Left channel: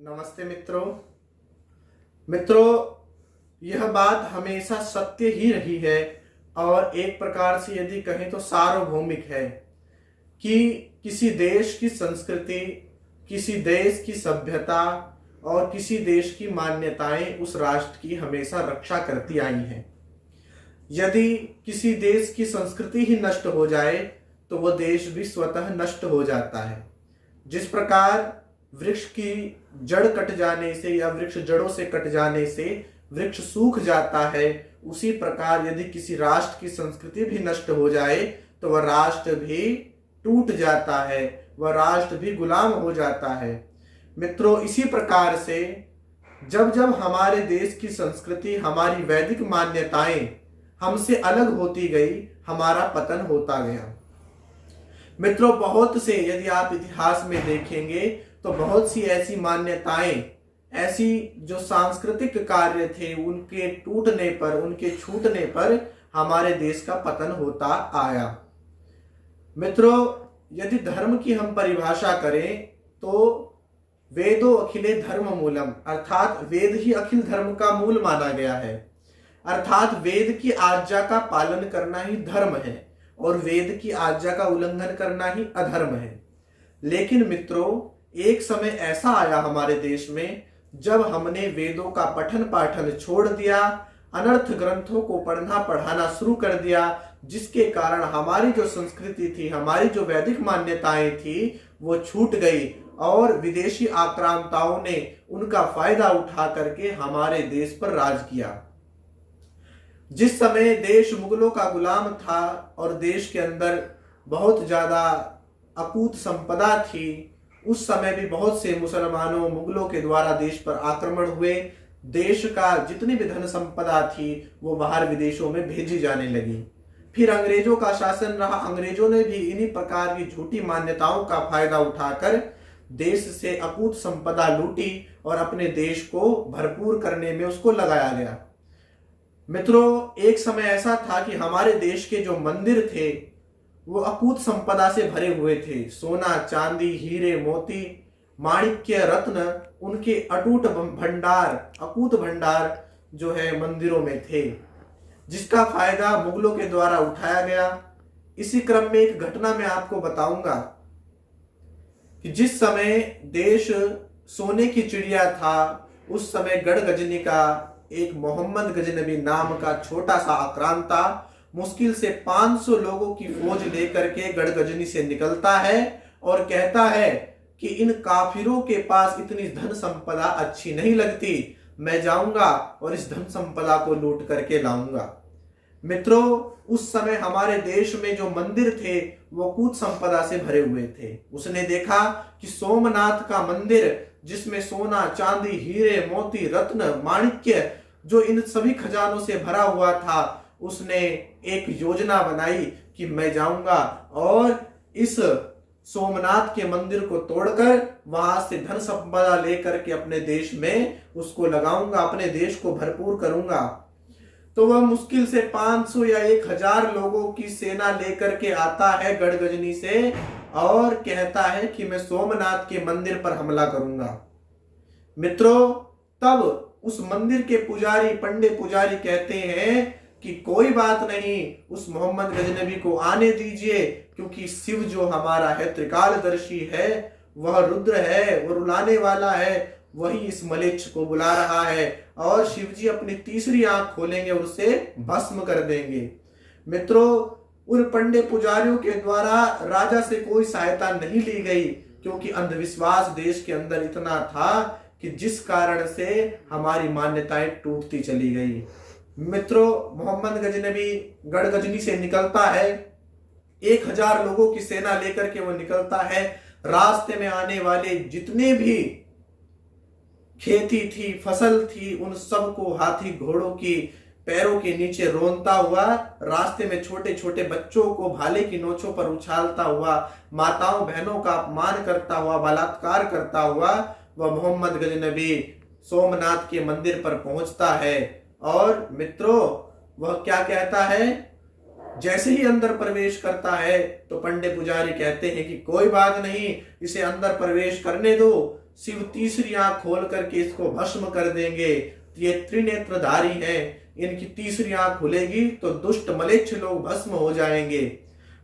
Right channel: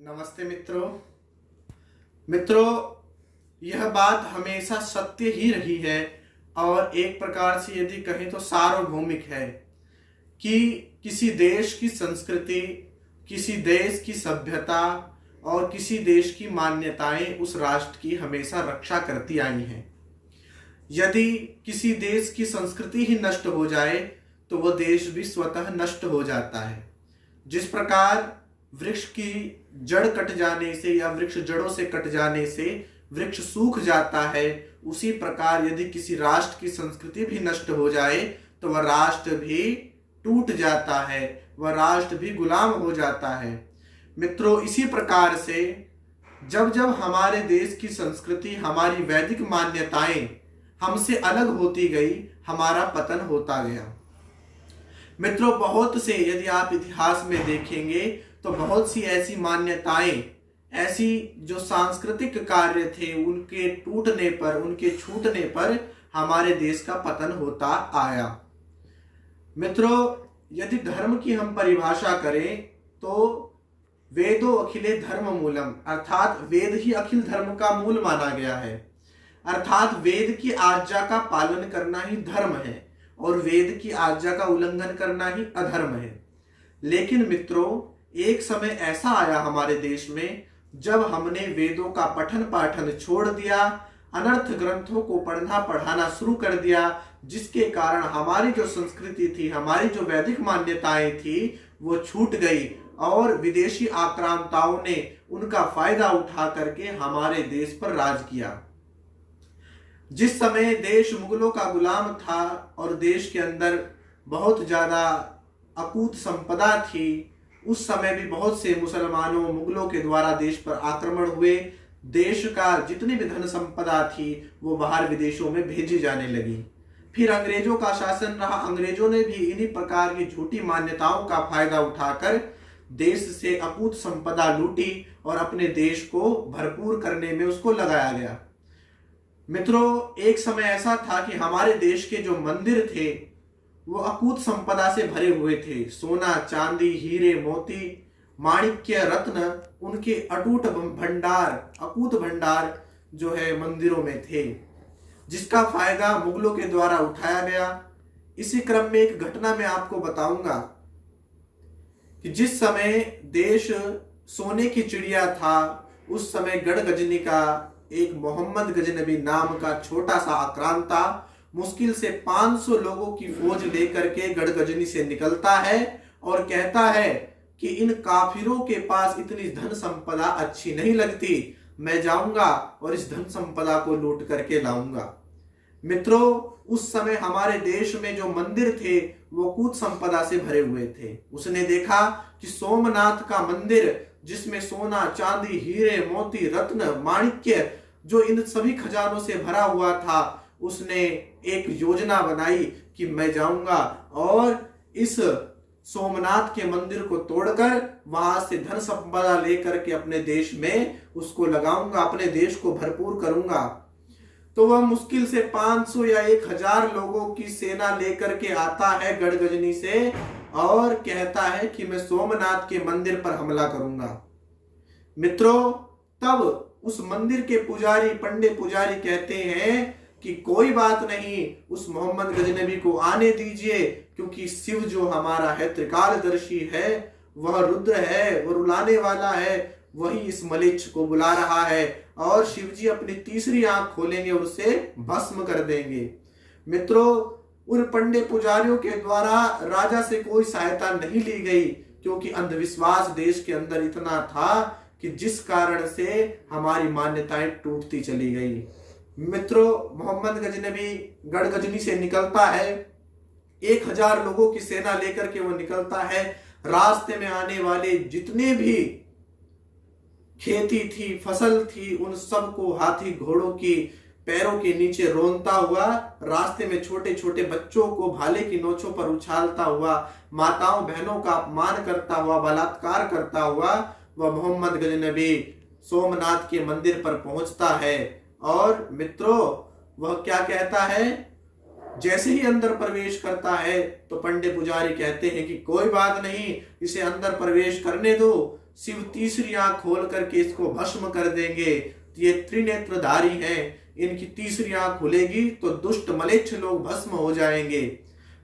नमस्ते मित्रों, यह बात हमेशा सत्य ही रही है और एक प्रकार से यदि कहें तो सार्वभौमिक है कि किसी देश की संस्कृति, किसी देश की सभ्यता और किसी देश की मान्यताएं उस राष्ट्र की हमेशा रक्षा करती आई हैं। यदि किसी देश की संस्कृति ही नष्ट हो जाए तो वह देश भी स्वतः नष्ट हो जाता है। जिस प्रकार वृक्ष की जड़ कट जाने से या वृक्ष जड़ों से कट जाने से वृक्ष सूख जाता है, उसी प्रकार यदि किसी राष्ट्र की संस्कृति भी नष्ट हो जाए तो वह राष्ट्र भी टूट जाता है, वह राष्ट्र भी गुलाम हो जाता है। मित्रों, इसी प्रकार से जब जब हमारे देश की संस्कृति, हमारी वैदिक मान्यताएं हमसे अलग होती गई, हमारा पतन होता गया। मित्रों, बहुत से यदि आप इतिहास में देखेंगे तो बहुत सी ऐसी मान्यताएं, ऐसी जो सांस्कृतिक कार्य थे, उनके टूटने पर, उनके छूटने पर हमारे देश का पतन होता आया। मित्रों, यदि धर्म की हम परिभाषा करें तो वेदो अखिले धर्म मूलम, अर्थात वेद ही अखिल धर्म का मूल माना गया है। अर्थात वेद की आज्ञा का पालन करना ही धर्म है और वेद की आज्ञा का उल्लंघन करना ही अधर्म है। लेकिन मित्रों, एक समय ऐसा आया हमारे देश में जब हमने वेदों का पठन पाठन छोड़ दिया, अनर्थ ग्रंथों को पढ़ना पढ़ाना शुरू कर दिया, जिसके कारण हमारी जो संस्कृति थी, हमारी जो वैदिक मान्यताएं थी, वो छूट गई और विदेशी आक्रांताओं ने उनका फायदा उठा करके हमारे देश पर राज किया। जिस समय देश मुगलों का गुलाम था और देश के अंदर बहुत ज्यादा अकूत संपदा थी, उस समय भी बहुत से मुसलमानों, मुगलों के द्वारा देश पर आक्रमण हुए। देश का जितनी भी धन संपदा थी वो बाहर विदेशों में भेजी जाने लगी। फिर अंग्रेजों का शासन रहा। अंग्रेजों ने भी इन्हीं प्रकार की झूठी मान्यताओं का फायदा उठाकर देश से अकूत संपदा लूटी और अपने देश को भरपूर करने में उसको लगाया गया। मित्रों, एक समय ऐसा था कि हमारे देश के जो मंदिर थे वो अकूत संपदा से भरे हुए थे। सोना, चांदी, हीरे, मोती, माणिक्य, रत्न, उनके अटूट भंडार, अकूत भंडार जो है मंदिरों में थे, जिसका फायदा मुगलों के द्वारा उठाया गया। इसी क्रम में एक घटना मैं आपको बताऊंगा कि जिस समय देश सोने की चिड़िया था, उस समय गढ़गजनी का एक मोहम्मद गजनबी नाम का छोटा सा आक्रांता मुश्किल से 500 लोगों की फौज लेकर के गढ़गजनी से निकलता है और कहता है कि इन काफिरों के पास इतनी धन संपदा अच्छी नहीं लगती, मैं जाऊंगा और इस धन संपदा को लूट करके लाऊंगा। मित्रों, उस समय हमारे देश में जो मंदिर थे वो कूट संपदा से भरे हुए थे। उसने देखा कि सोमनाथ का मंदिर, जिसमें सोना, चांदी, हीरे, मोती, रत्न, माणिक्य, जो इन सभी खजानों से भरा हुआ था, उसने एक योजना बनाई कि मैं जाऊंगा और इस सोमनाथ के मंदिर को तोड़कर वहां से धन संपदा लेकर के अपने देश में उसको लगाऊंगा, अपने देश को भरपूर करूंगा। तो वह मुश्किल से 500 या 1000 लोगों की सेना लेकर के आता है गढ़गजनी से और कहता है कि मैं सोमनाथ के मंदिर पर हमला करूंगा। मित्रों, तब उस मंदिर के पुजारी, पंडे पुजारी कहते हैं कि कोई बात नहीं, उस मोहम्मद गजनबी को आने दीजिए, क्योंकि शिव जो हमारा है, त्रिकालदर्शी है, वह रुद्र है, वह रुलाने वाला है, वही इस मलेच्छ को बुला रहा है और शिव जी अपनी तीसरी आंख खोलेंगे और उसे भस्म कर देंगे। मित्रों, उन पंडे पुजारियों के द्वारा राजा से कोई सहायता नहीं ली गई, क्योंकि अंधविश्वास देश के अंदर इतना था कि जिस कारण से हमारी मान्यताएं टूटती चली गई। मित्रों, मोहम्मद गजनबी गढ़गजनी से निकलता है, 1000 लोगों की सेना लेकर के वो निकलता है। रास्ते में आने वाले जितने भी खेती थी, फसल थी, उन सबको हाथी घोड़ों की पैरों के नीचे रोनता हुआ, रास्ते में छोटे छोटे बच्चों को भाले की नोचों पर उछालता हुआ, माताओं बहनों का अपमान करता हुआ, बलात्कार करता हुआ, वह मोहम्मद गजनबी सोमनाथ के मंदिर पर पहुंचता है। और मित्रों, वह क्या कहता है? जैसे ही अंदर प्रवेश करता है तो पंडे पुजारी कहते हैं कि कोई बात नहीं, इसे अंदर प्रवेश करने दो। शिव तीसरी आंख खोल करके इसको भस्म कर देंगे। ये त्रिनेत्रधारी हैं, इनकी तीसरी आंख खुलेगी तो दुष्ट मलेच्छ लोग भस्म हो जाएंगे।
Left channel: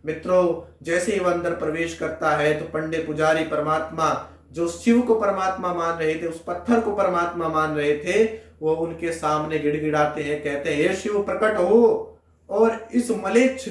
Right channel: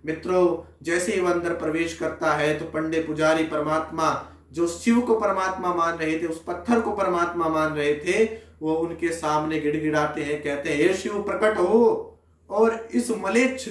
मित्रों, जैसे ही वह अंदर प्रवेश करता है तो पंडे पुजारी परमात्मा जो शिव को परमात्मा मान रहे थे, उस पत्थर को परमात्मा मान रहे थे, वो उनके सामने गिड़गिड़ाते हैं, कहते हैं हे शिव प्रकट हो और इस मलेच्छ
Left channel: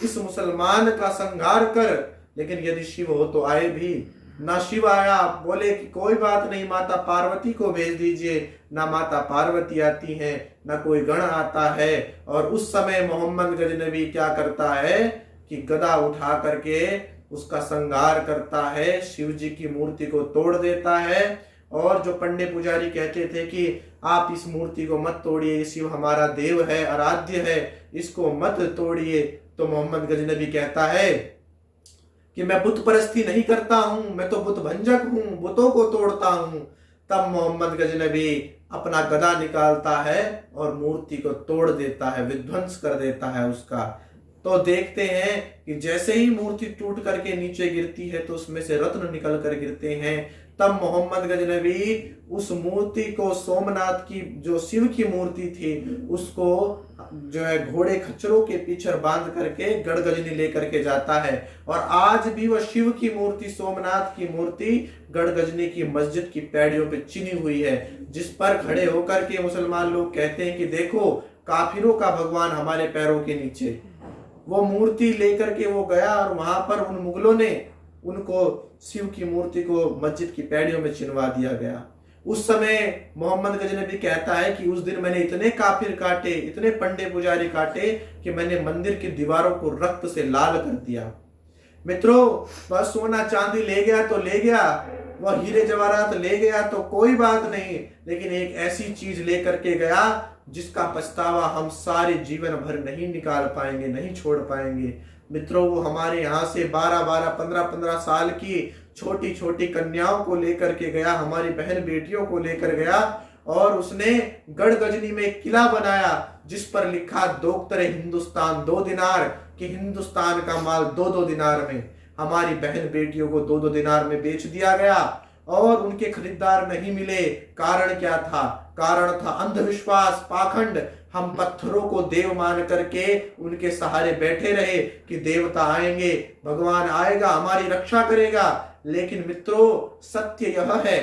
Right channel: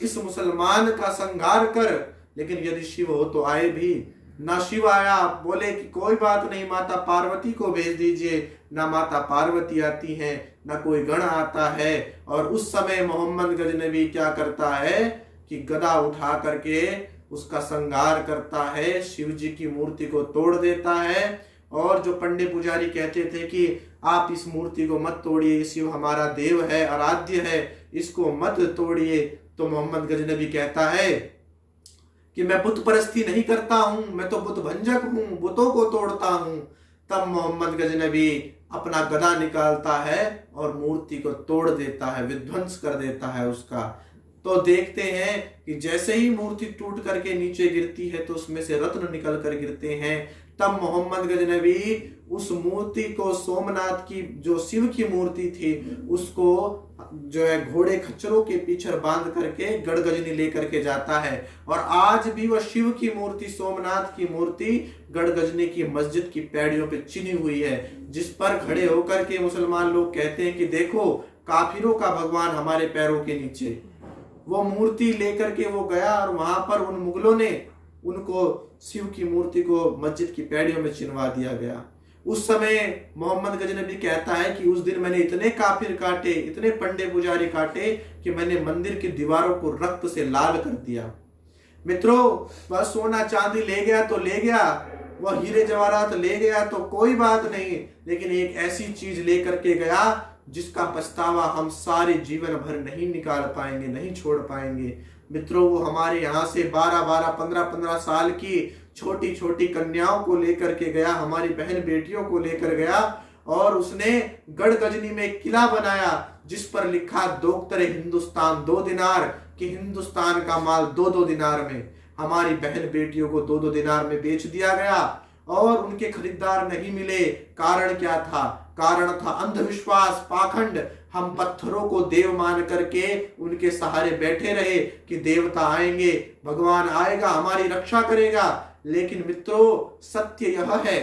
इस मुसलमान का संहार कर। लेकिन यदि शिव हो तो आए भी ना। शिव आया, बोले कि कोई बात नहीं, माता पार्वती को भेज दीजिए। ना माता पार्वती आती है, ना कोई गण आता है। और उस समय मोहम्मद गजनबी क्या करता है कि गदा उठा करके उसका संहार करता है, शिव जी की मूर्ति को तोड़ देता है। और जो पंडे पुजारी कहते थे कि आप इस मूर्ति को मत तोड़िए, शिव हमारा देव है, आराध्य है, इसको मत तोड़िए, तो मोहम्मद गजनबी कहता है कि मैं बुत परस्ती नहीं करता हूं, मैं तो बुत भंजक हूं, बुतों को तोड़ता हूं। तब मोहम्मद गजनबी अपना गदा निकालता है और मूर्ति को तोड़ देता है, विध्वंस कर देता है उसका। तो देखते हैं कि जैसे ही मूर्ति टूट करके नीचे गिरती है तो उसमें से रत्न निकल कर गिरते हैं। तब मोहम्मद गजनबी उस मूर्ति को, सोमनाथ की जो शिव की मूर्ति थी, उसको जो है घोड़े खच्चरों के पीछे बांध करके गढ़गजनी लेकर के जाता है। और आज भी वह शिव की मूर्ति, सोमनाथ की मूर्ति गढ़गजनी की मस्जिद की पैड़ियों पे चिनी हुई है, जिस पर खड़े होकर के मुसलमान लोग कहते हैं कि देखो काफिरों का भगवान हमारे पैरों के नीचे। वो मूर्ति लेकर के वो गया और वहां पर उन मुगलों ने उनको शिव की मूर्ति को मस्जिद की पैड़ियों में चिनवा दिया गया। उस समय मोहम्मद गजनबी कहता है कि उस दिन मैंने इतने काफिर काटे, इतने पंडे पुजारी काटे कि मैंने मंदिर की दीवारों को रक्त से लाल कर दिया। मित्रों, वह सोना चांदी ले गया तो ले गया, वह हीरे जवाहरात ले गया तो कोई बात नहीं, लेकिन एक ऐसी चीज लेकर के गया जिसका पछतावा हम सारे जीवन भर नहीं निकाल पाएंगे, नहीं छोड़ पाएंगे। मित्रों, वो हमारे यहाँ से 12-12, 15-15 साल की छोटी छोटी कन्याओं को लेकर के गया, हमारी बहन बेटियों को लेकर गया और उसने गढ़गजनी में एक किला बनाया जिस पर लिखा दोख्तरे हिंदुस्तान 2 दिनार, कि हिंदुस्तान का माल 2-2 दिनार में हमारी बहन बेटियों को 2-2 दिनार में बेच दिया गया और उनके खरीदार नहीं मिले। कारण क्या था? कारण था अंधविश्वास, पाखंड। हम पत्थरों को देव मान करके उनके सहारे बैठे रहे कि देवता आएंगे, भगवान आएगा, हमारी रक्षा करेगा। लेकिन मित्रों, सत्य यह है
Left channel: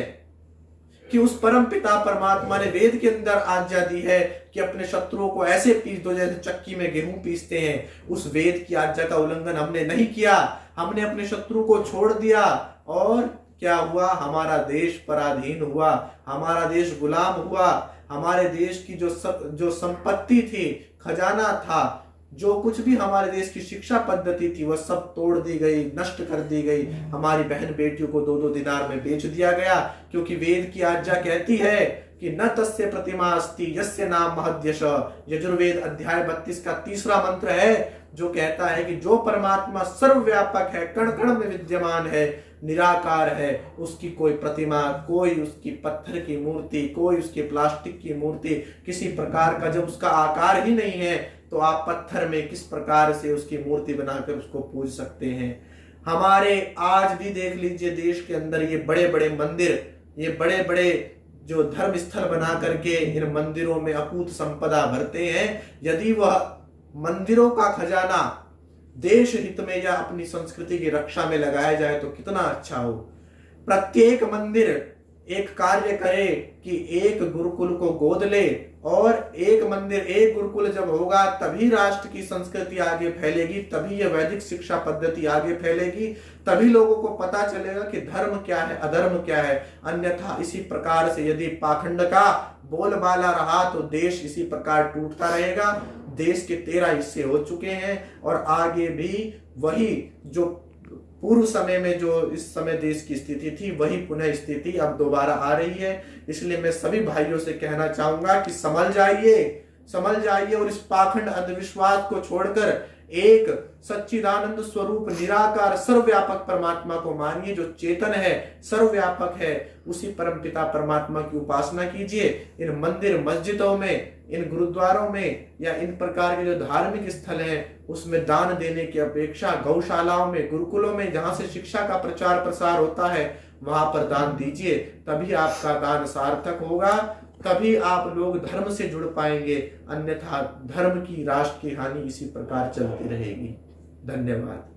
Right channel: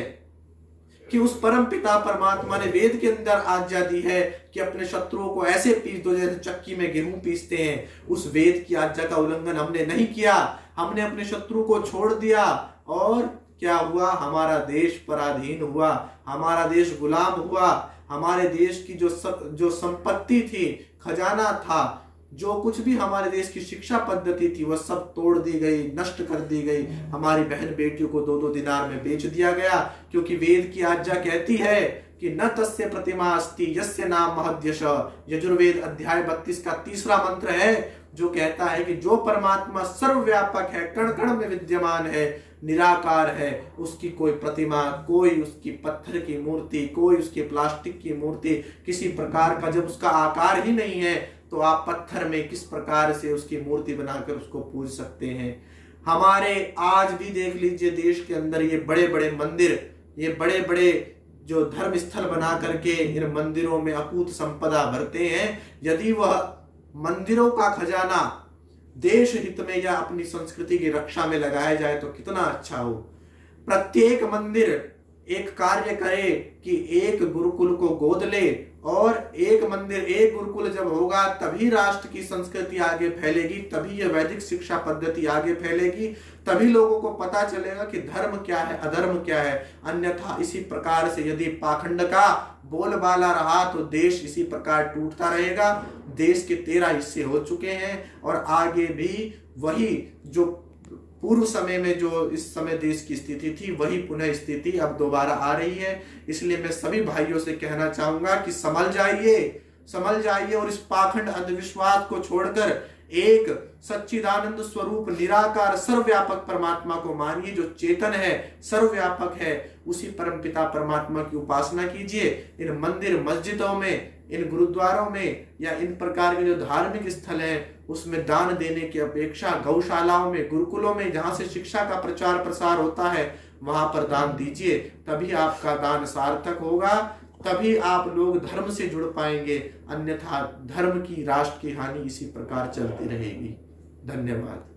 कि उस परम पिता परमात्मा ने वेद के अंदर आज्ञा दी है कि अपने शत्रुओं को ऐसे पीस दो जैसे चक्की में गेहूं पीसते हैं। उस वेद की आज्ञा का उल्लंघन हमने नहीं किया, हमने अपने शत्रु को छोड़ दिया और क्या हुआ? हमारा देश पराधीन हुआ, हमारा देश गुलाम हुआ। हमारे देश की जो संपत्ति थी, खजाना था, जो कुछ भी हमारे देश की शिक्षा पद्धति थी, वह सब तोड़ दी गई, नष्ट कर दी गई। हमारी बहन बेटियों को 2-2 दिनार में बेच दिया गया, क्योंकि वेद की आज्ञा कहती है कि न तस्य प्रतिमा अस्ति यस्य नाम महद्यश। यजुर्वेद अध्याय 32 का 3रा मंत्र है जो कहता है कि जो परमात्मा सर्वव्यापक है, कण कण में विद्यमान है, निराकार है, उसकी कोई प्रतिमा, कोई उसकी पत्थर की मूर्ति, कोई उसकी प्लास्टिक की मूर्ति, किसी प्रकार का, जब उसका आकार ही नहीं है तो आप पत्थर में किस प्रकार से उसकी मूर्ति बनाकर उसको पूज सकते हैं। हमारे आज भी देख लीजिए देश के अंदर ये बड़े बड़े मंदिर, ये बड़े बड़े जो धर्म स्थल बना करके इन मंदिरों में अकूत संपदा भरते हैं। यदि वह मंदिरों का खजाना देश हित में या अपनी संस्कृति की रक्षा में लगाया जाए तो कितना अच्छा हो। प्रत्येक मंदिर एक कार्य करे कि एक गुरुकुल को गोद ले, और एक मंदिर, एक गुरुकुल जब होगा तभी राष्ट्र की संस्कृति आगे फैलेगी, तभी यह वैदिक शिक्षा पद्धति आगे फैलेगी, तभी लोगों को पता चलेगा कि धर्म क्या है, अधर्म क्या है। अन्यथा इसी प्रकार से यदि पाखंड का बोलबाला रहा तो देश इसी प्रकार टूटता रहेगा। देश के 13 हिस्से हो चुके हैं और आगे भी वही जो पूर्व समय में जो इस समय देश की स्थिति थी, वही पुनः स्थिति अब दोबारा आ रही है। इसलिए मैं सभी भाइयों से कहना चाहूंगा कि संभल जाइए और इस पाखंड अंधविश्वास को छोड़कर एक सच्चिदानंद स्वरूप निराकार सर्वव्यापक परमात्मा को मानिए, जो चेतन है, सर्वव्यापक है। उसी परम पिता परमात्मा की उपासना कीजिए। इन मंदिर मस्जिदों में, इन गुरुद्वारों में या इन प्रकार के जो धार्मिक स्थल हैं उसमें दान देने की अपेक्षा गौशालाओं में, गुरुकुलों में, जहां से शिक्षा का प्रचार प्रसार होता है, वहां पर दान दीजिए, तभी आपका दान सार्थक होगा, तभी आप लोग धर्म से जुड़ पाएंगे, अन्यथा धर्म की, राष्ट्र की हानि इसी प्रकार चलती रहेगी। धन्यवाद।